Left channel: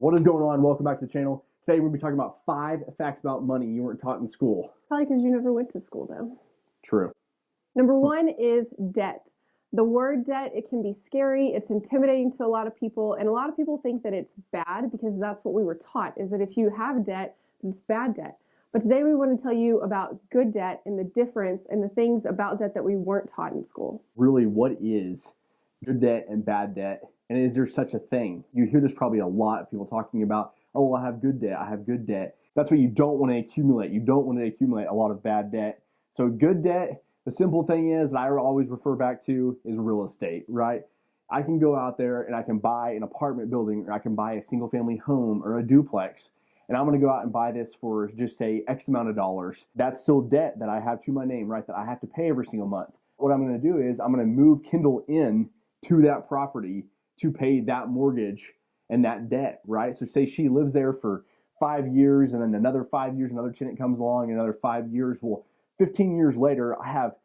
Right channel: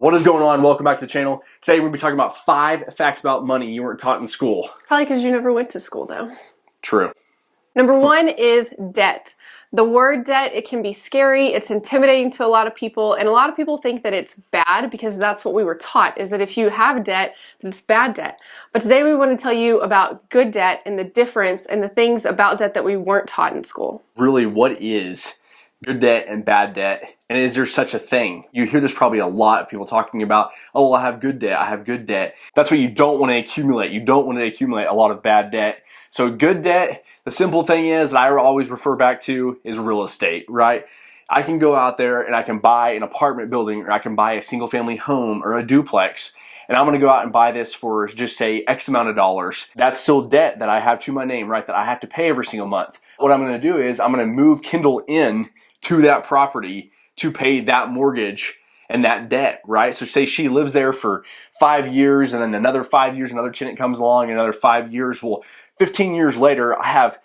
What is going on? Welcome back to the channel. Today we're going to be talking about 5 facts about money you weren't taught in school. Probably because you never went to school, though. True. Number one is debt. The word debt, it can be scary, it's intimidating to a lot of people, and a lot of people think that it's bad because that's what we were taught, is that if you have debt, it's bad debt. But today we want to tell you about good debt and the difference and the things about debt that we weren't taught in school. Really, what is good debt and bad debt? And is there such a thing? You hear this probably a lot of people talking about, oh, well, I have good debt, I have good debt. That's what you don't want to accumulate. You don't want to accumulate a lot of bad debt. So good debt, the simple thing is that I always refer back to is real estate, right? I can go out there and I can buy an apartment building, or I can buy a single family home or a duplex, and I'm gonna go out and buy this for just say X amount of dollars. That's still debt that I have to my name, right? That I have to pay every single month. What I'm gonna do is I'm gonna move Kendall in to that property to pay that mortgage and that debt, right? So say she lives there for 5 years, and then another 5 years, another tenant comes along, another 5 years. Well, 15 years later, I have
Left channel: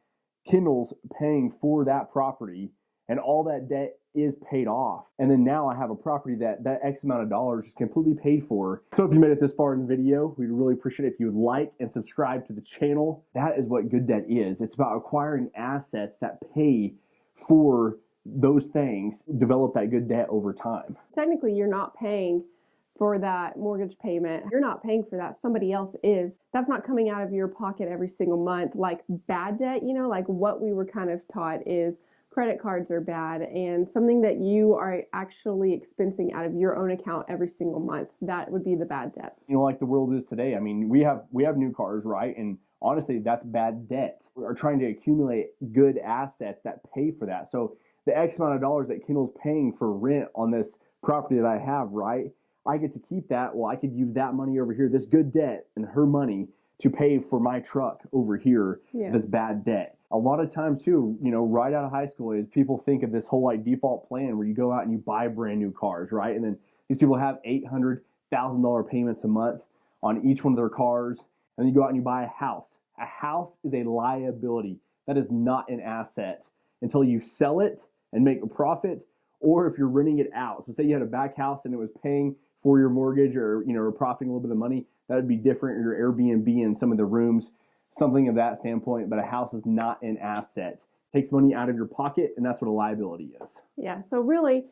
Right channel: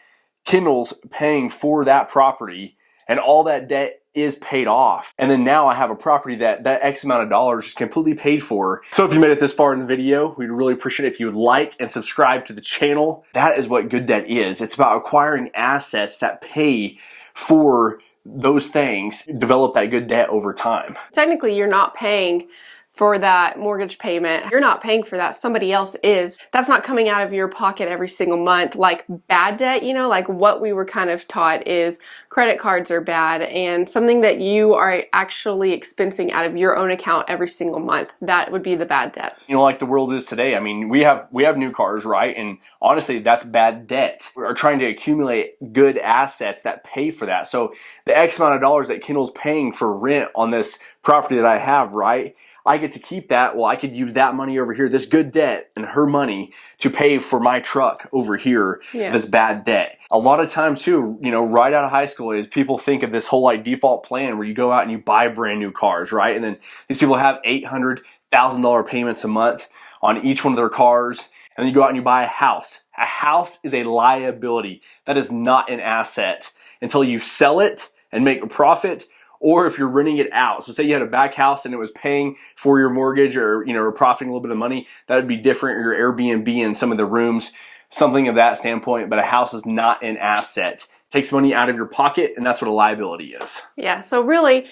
Kendall's paying for that property, and all that debt is paid off. And then now I have a property that X amount of dollars is completely paid for. So if you made it this far in the video, we'd really appreciate it if you would like and subscribe to the channel. That is what good debt is. It's about acquiring assets that pay for those things, develop that good debt over time. Technically, you're not paying for that mortgage payment. You're not paying for that. Somebody else is. That's not coming out of your pocket every single month. Like bad debt, like what we were kind of taught is credit cards are bad, and something that you are actually expensing out of your own account every single month. That would be the bad debt. Like the world is today. I mean, we have new cars, right? And honestly, that's bad debt. We are trying to accumulate good assets that pay for that. So the X amount of dollars that Kendall's paying for rent on this property that I have, right? I get to keep that. Well, I could use that money over here, this good debt, and her money to pay for my truck over here, this bad debt. A lot of times too, right out of high school is people think of this whole like default plan where you go out and you buy brand new cars, right? And then these people have $800,000 payments a month on each one of their cars. And then you go out and you buy a house. A house is a liability. That is not an asset until you sell it and make a profit, or if you're renting it out. So say you had a back house and it was paying for your mortgage, or or profiting a little bit of money, that would be different. Or your Airbnb and some of the rooms, something of that standpoint. But a house is not an asset. It takes money out of your pocket, and that's what a liability is. Yeah, so really,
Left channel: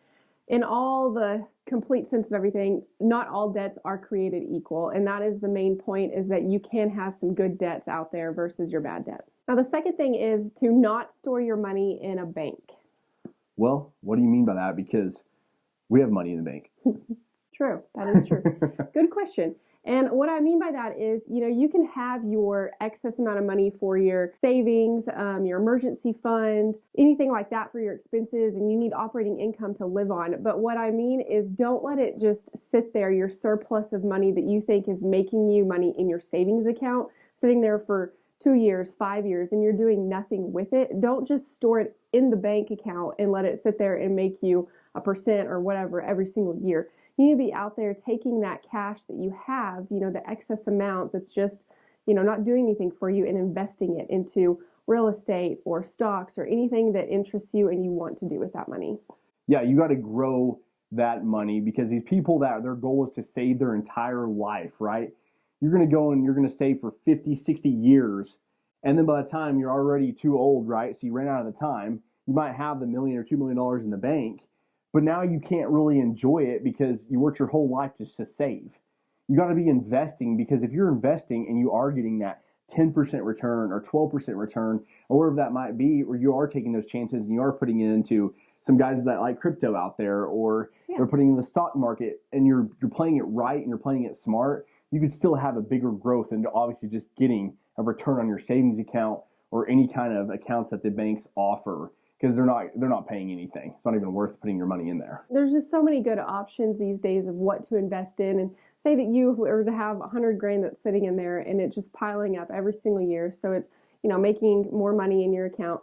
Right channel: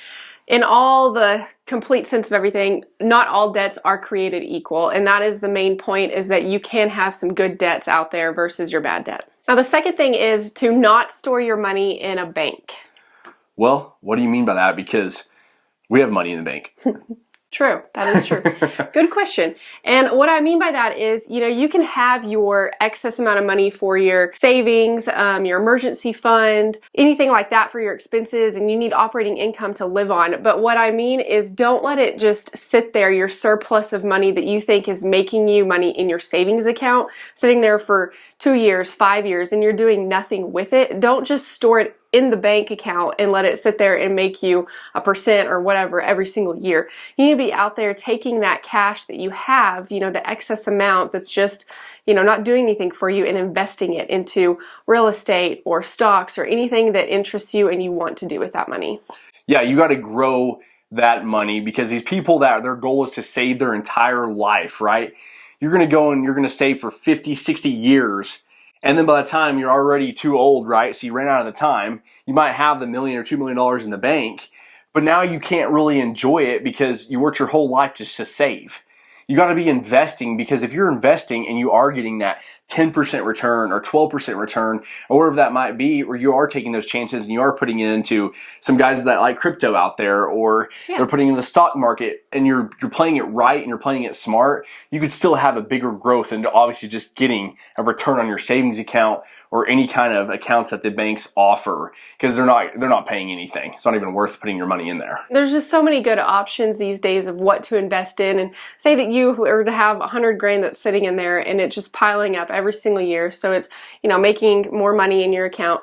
in all the complete sense of everything, not all debts are created equal, and that is the main point, is that you can have some good debts out there versus your bad debt. Now the second thing is to not store your money in a bank. Well, what do you mean by that? Because we have money in the bank. True, that is true. Good question. And what I mean by that is, you can have your excess amount of money for your savings, your emergency fund, anything like that for your expenses, and you need operating income to live on. But what I mean is, don't let it just sit there, your surplus of money that you think is making you money in your savings account, sitting there for 2 years, 5 years, and you're doing nothing with it. Don't just store it in the bank account and let it sit there and make you a percent or whatever every single year. You need to be out there taking that cash that you have, the excess amount that's just, not doing anything for you, and investing it into real estate or stocks or anything that interests you and you want to do with that money. Yeah, you got to grow that money, because these people that their goal is to save their entire life, right? You're going to go and you're going to save for 50, 60 years. And then by the time you're already too old, right? So you ran out of the time. You might have the $1 million or $2 million in the bank, but now you can't really enjoy it because you worked your whole life just to save. You got to be investing, because if you're investing and you are getting that 10% return or 12% return or whatever that might be, or you are taking those chances and you are putting it into some guys that like crypto out there, or they're putting it in the stock market, and you're playing it right and you're playing it smart, you could still have a bigger growth and obviously just getting a return on your savings account or any kind of accounts that the banks offer, because they're not paying anything. It's not even worth putting your money in there. There's just so many good options these days of what to invest in. And say that you were to have 100 grand that's sitting in there and it's just piling up every single year, so it's making more money in your account.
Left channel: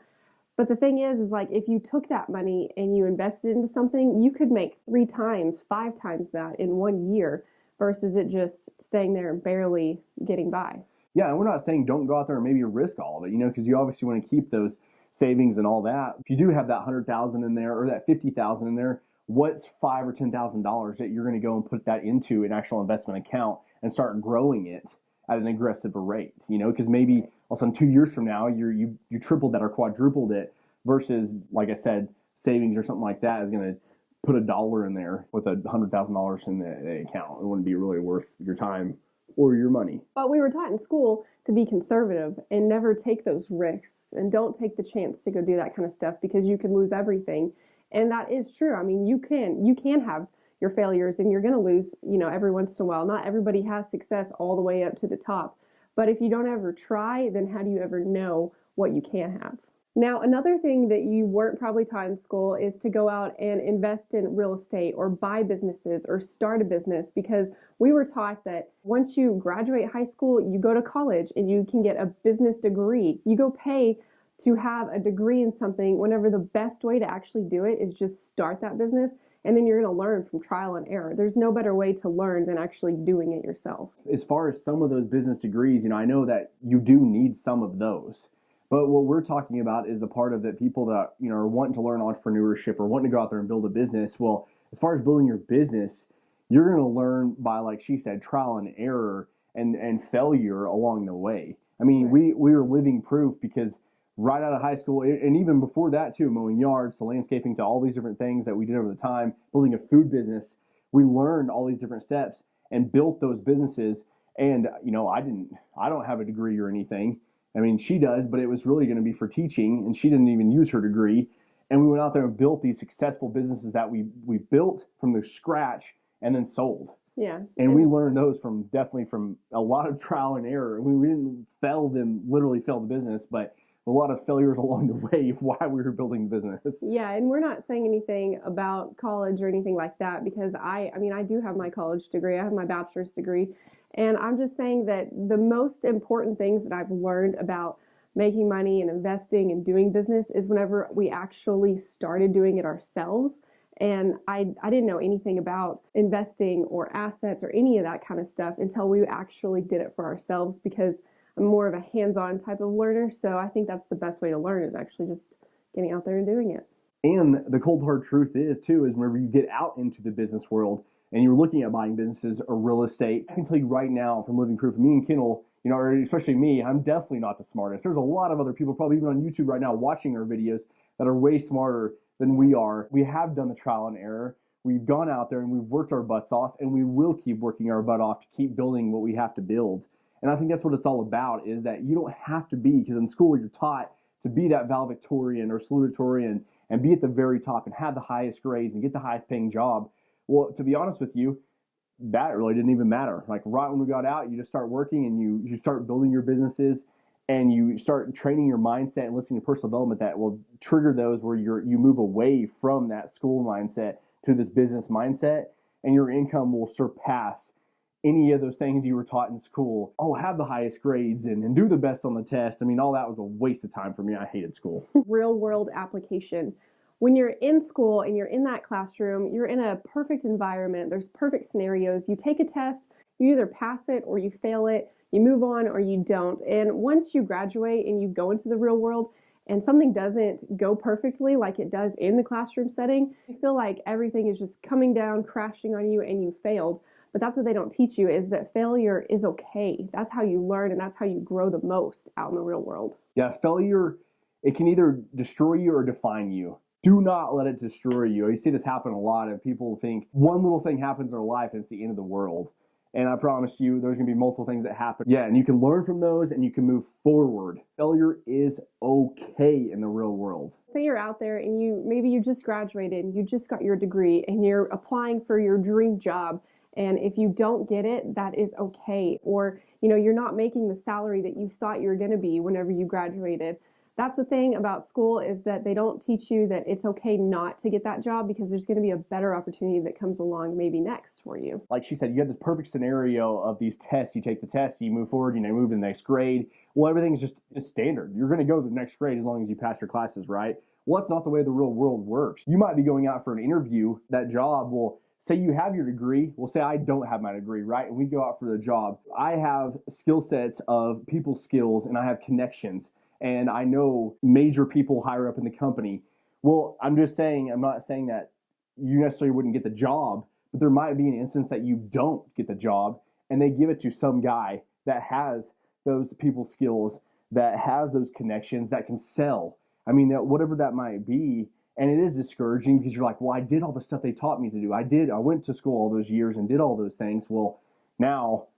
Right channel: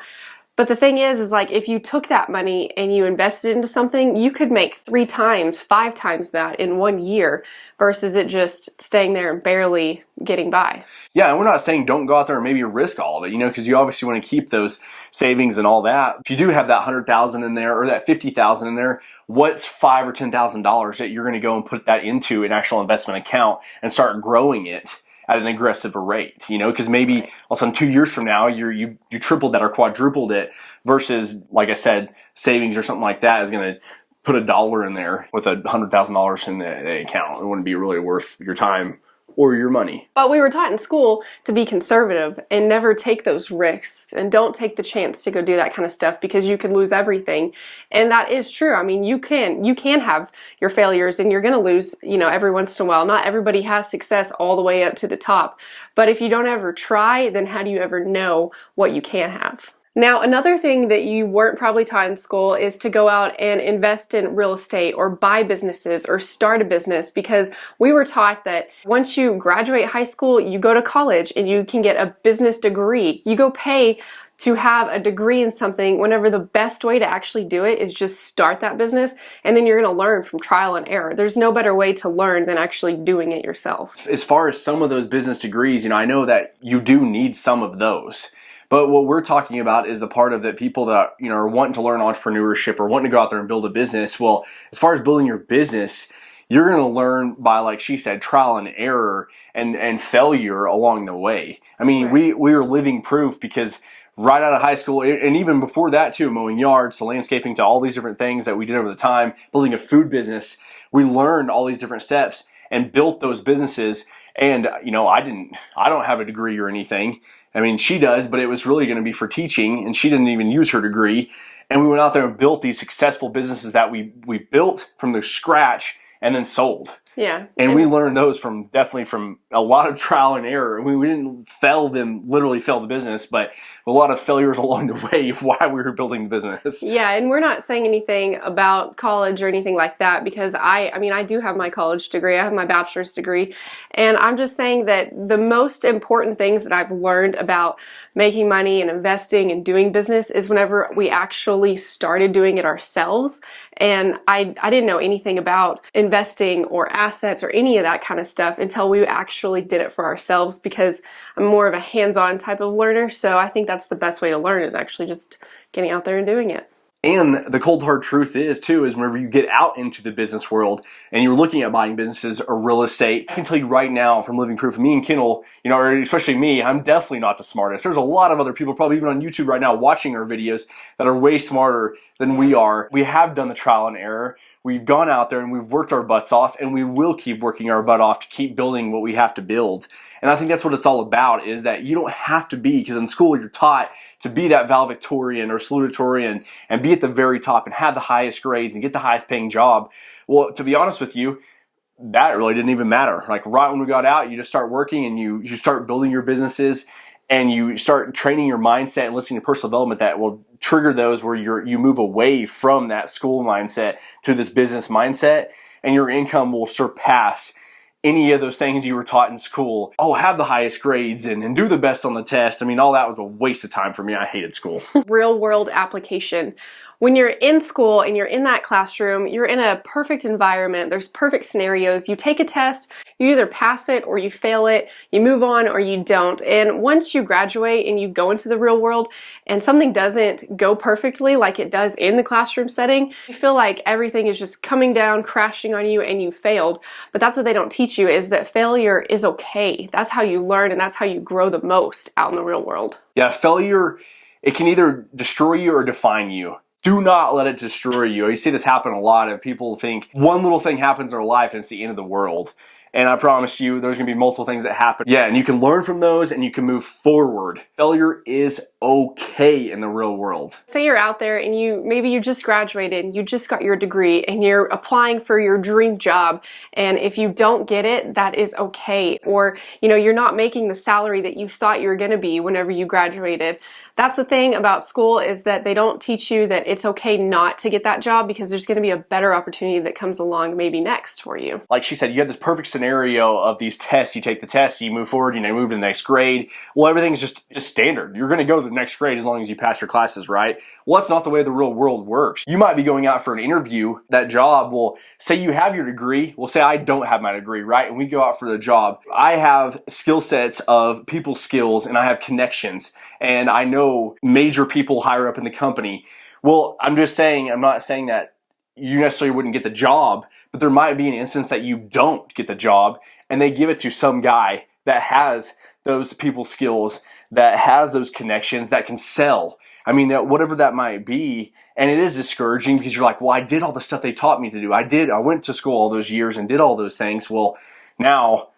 But the thing is like if you took that money and you invested into something, you could make 3 times, 5 times that in 1 year versus it just staying there and barely getting by. Yeah, and we're not saying don't go out there and maybe risk all of it, because you obviously want to keep those savings and all that. If you do have that 100,000 in there or that 50,000 in there, what's $5,000 or $10,000 that you're going to go and put that into an actual investment account and start growing it at an aggressive rate, because maybe all of a sudden 2 years from now you tripled that or quadrupled it versus, like I said, savings or something like that is going to put $1 in there with $100,000 in the account. It wouldn't be really worth your time or your money. But we were taught in school to be conservative and never take those risks and don't take the chance to go do that kind of stuff because you could lose everything. And that is true. I mean, you can have your failures and you're going to lose, every once in a while. Not everybody has success all the way up to the top. But if you don't ever try, then how do you ever know what you can have? Now, another thing that you weren't probably taught in school is to go out and invest in real estate or buy businesses or start a business, because we were taught that once you graduate high school, you go to college and you can get a business degree. You go pay to have a degree in something whenever the best way to actually do it is just start that business, and then you're going to learn from trial and error. There's no better way to learn than actually doing it yourself. As far as some of those business degrees, I know that you do need some of those. But what we're talking about is the part of that people that are wanting to learn entrepreneurship or wanting to go out there and build a business. Well, as far as building your business, you're going to learn by, like she said, trial and error and failure along the way. I mean, Right. we are living proof, because right out of high school, and even before that too, mowing yards to landscaping to all these different things that we did over the time, building a food business, we learned all these different steps and built those businesses. And I don't have a degree or anything. I mean, she does, but it was really going to be for teaching, and she didn't even use her degree. And we went out there and built these successful businesses that we built from the scratch and then sold. Yeah. And we learned those definitely from a lot of trial and error. We didn't literally fail the business, but a lot of failures along the way of why we were building the business. Yeah, and we're not saying anything about college or anything like that, because I do have my college degree. I have my bachelor's degree. And I'm just saying that the most important things that I've learned about making money and investing and doing business is whenever we actually started doing it ourselves. And I didn't know anything about investing or assets or any of that kind of stuff until we actually did it for ourselves, because I'm more of a hands-on type of learner. So I think that's the best way to learn, is actually just getting out there and doing it. And the cold hard truth is whenever you get out into the business world and you're looking at buying businesses or real estate, I can tell you right now from living proof, me and Kendall, or especially me, I'm definitely not the smartest. There's a lot of other people probably even on YouTube right now watching our videos that are way smarter than we are. We have done the trial and error. We've gone out there and we've worked our butts off, and we will keep working our butt off to keep building what we have to build. And I think that's what it's all about, is that you don't have to be, because in school you're taught to be that valedictorian or salutatorian and be at the very top and have the highest grades and get the highest paying job. Well, to be honest with you, that really didn't even matter. Like right when we got out, you just start working and you start building your businesses, and you start training your mindset and listening to personal development that will trigger those where you move away from that school mindset to this business mindset, and your income will surpass any of those things you were taught in school. Oh, have the highest grades and do the best on the test. I mean, all that was a waste of time for me. I hated school. Real world application. When you're in school and you're in that classroom, you're in a perfect environment. There's perfect scenarios. You take a test, you either pass it or you fail it, you move on or you don't. And once you graduate and you go into the real world and something doesn't go perfectly like it does in the classroom setting, you feel like everything is just coming down, crashing on you, and you failed. But that's what they don't teach you, is that failure is okay. That's how you learn, and that's how you grow the most out in the real world. Yeah, failure, it can either destroy you or define you. Do not let it destroy you. You see this happen a lot, and people think one little thing happens in their life and it's the end of the world. And I promise you, there's going to be multiple things that happen. Yeah, and you can learn from those and you can move forward. Failure is okay in the real world. Say you're out there and maybe you just graduated and you just got your degree and you're applying for your dream job. And if you don't get it, that is okay. Or, you're not making the salary that you thought you were going to be whenever you graduated. That's the thing about school, is that they don't teach you that it's okay not to get that job, because there's going to be a better opportunity that comes along maybe next for you. Like she said, you have this perfect scenario of these tests. You take the test, you move forward, you move to the next grade. Well, everything's just standard. You're going to go to the next grade as long as you pass your classes, right? Well, that's not the way the real world works. You might be going out for an interview. That job will say you have your degree. Well, say I don't have my degree, right? And we go out for the job. I have skill sets of people skills, and I have connections, and I know major people higher up in the company. Well, I'm not saying that you necessarily wouldn't get the job, but there might be an instance that you don't get the job and they give it to some guy that has those people skills, that has those connections, that can sell. I mean, that whatever that might be. And it is discouraging because you're like, well, I did all the stuff they taught me to do. I went to school all those years and did all those things. Well, now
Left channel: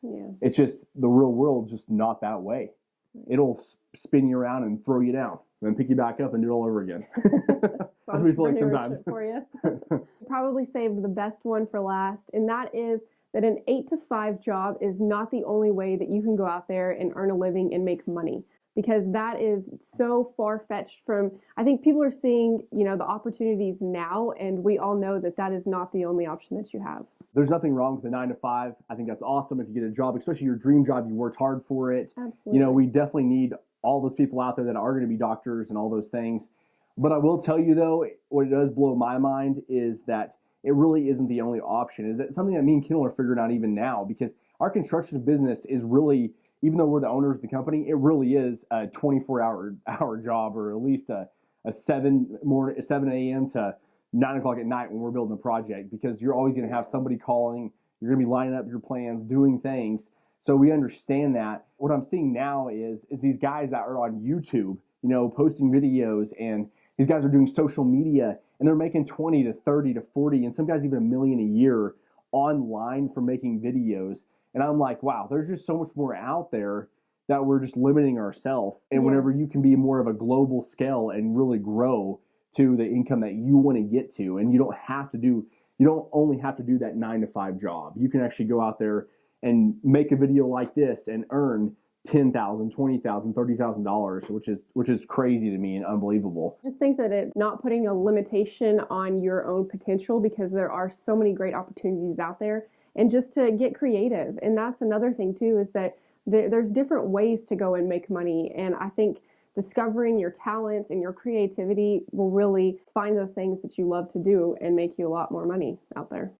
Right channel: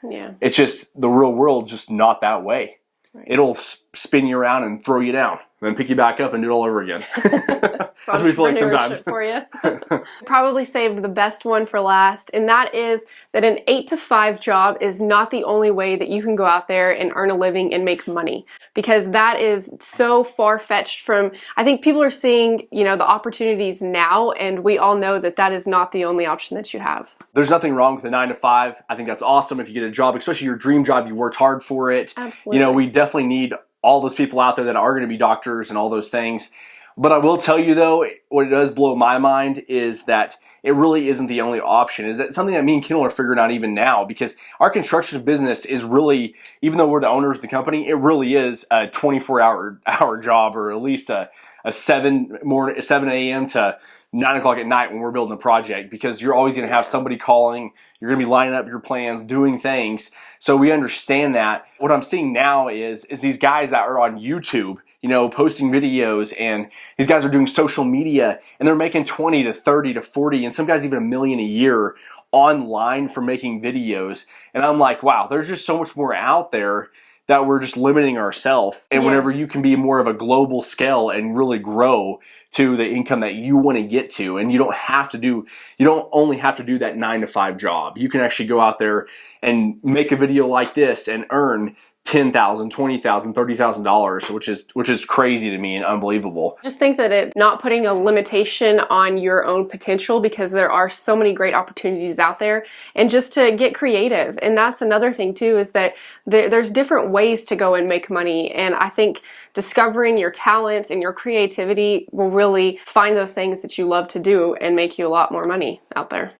it's just the real world, just not that way. Right. It'll spin you around and throw you down, and then pick you back up and do it all over again. That's what we feel like sometimes. For you. Probably saved the best one for last, and that is that an 8-to-5 job is not the only way that you can go out there and earn a living and make money, because that is so far-fetched from, I think people are seeing, the opportunities now, and we all know that that is not the only option that you have. There's nothing wrong with a 9-to-5. I think that's awesome if you get a job, especially your dream job, you worked hard for it. Absolutely. We definitely need all those people out there that are going to be doctors and all those things. But I will tell you though, what it does blow my mind is that it really isn't the only option. Is that something that me and Kendall are figuring out even now, because our construction business is really, even though we're the owners of the company, it really is a 24-hour job, or at least a 7 a.m. to 9 o'clock at night when we're building a project, because you're always going to have somebody calling. You're going to be lining up your plans, doing things. So we understand that. What I'm seeing now is these guys that are on YouTube, posting videos, and these guys are doing social media, and they're making 20 to 30 to 40, and some guys even $1 million a year online for making videos. And I'm like, wow, there's just so much more out there that we're just limiting ourselves. And whenever you can be more of a global scale and really grow to the income that you want to get to, and you don't only have to do that 9-to-5 job. You can actually go out there and make a video like this and earn $10,000, $20,000, $30,000, which is crazy to me and unbelievable. Just think that it not putting a limitation on your own potential, because there are so many great opportunities out there, and just to get creative. And that's another thing too, is that there's different ways to go and make money. And I think discovering your talents and your creativity will really find those things that you love to do and make you a lot more money out there.